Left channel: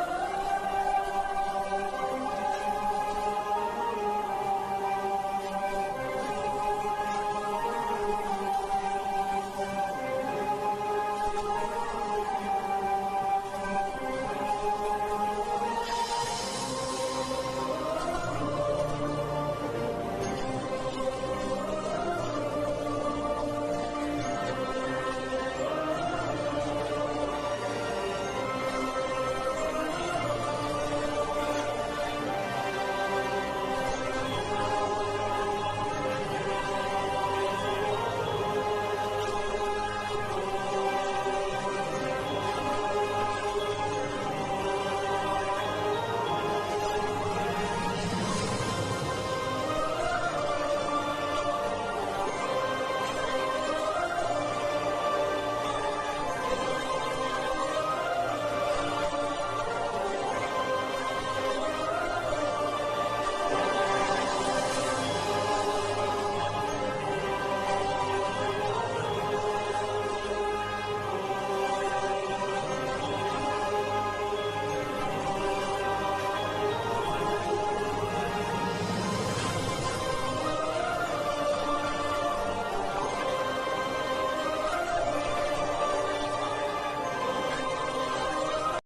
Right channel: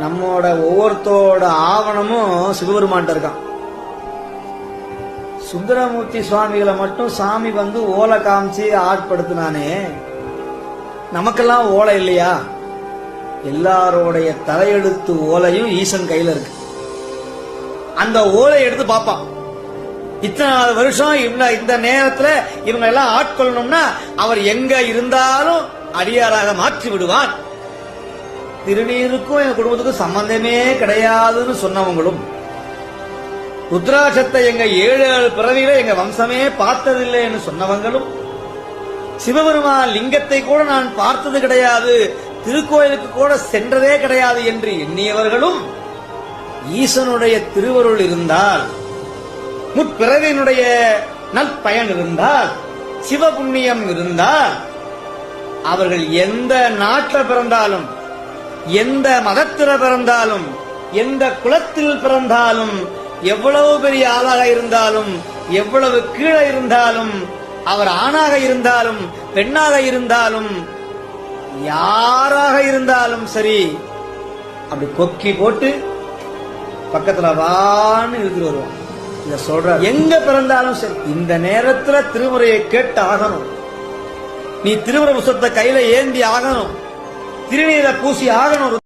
நம்மோட ஒவ்வொருத்தோட ஆவணமும் சிவபெருமான்ட்ட இருக்கான். சுந்தரமூர்த்தி சுவாமிகளை மட்டும் சாமி வந்து ஓலை காமிச்சு ஆட்படுத்தினானே, நமக்கெல்லாம் ஓலை இல்லையா? எல்லாரோடைய தலையெழுத்து ஓலையும் ஈசன் கையில இருக்கு. அந்த ஓலை எடுத்து பார்ப்பான். இத்தனை வருஷம் இந்த நேரத்துல இவங்க எல்லாம் ஆட்கொள்ளணும்னா அவர் எங்க இருந்தாலும் அடியாராக மாற்றி விடுவான். திருநீருக்கும் எங்க குடும்பத்துக்கும் சம்பந்தமே கிடையாதுன்னு சொன்னவங்களும், ருத்ராட்சத்தை எங்க 7 பிறவியில எங்க வம்சமே பார்த்ததில்லைன்னு சொன்னவங்களும், சிவபெருமான் லிங்கத்தை கூட நான் பார்த்தது கிடையாது, திருக்கோயிலுக்கு கூட சென்றதே கிடையாது என்று எண்ணியவர்களும், ஈசனுடைய திருவருள் இருந்தால், முற்பிறவியினுடைய நற்பயன் இருந்தால், சிவபுண்ணியம் இருந்தால், அவர்கள் எந்த நாட்டில் பிறந்தாலும், எந்த மதத்தில் பிறந்தாலும், எந்த குலத்தில் பிறந்தாலும், எவ்வளவு பெரிய ஆளாக இருந்தாலும், எவ்வளவு கீழே இருந்தாலும், அவர் ஆணாக இருந்தாலும் பெண்ணாக இருந்தாலும் யாராக இருந்தாலும் சரி, அப்படி கொக்கி போட்டு பக்கத்துல வான்னு இழுத்து வருவோம். இத சொல்ற எங்க பிறந்தாலும் சரி, இந்த நேரத்துல திருமுறையை கேட்டு ஆகணும். நீ திருமுறை புத்தகத்தை கையில ஏந்தி ஆகணும், திருநீரை பூசி ஆகணும்.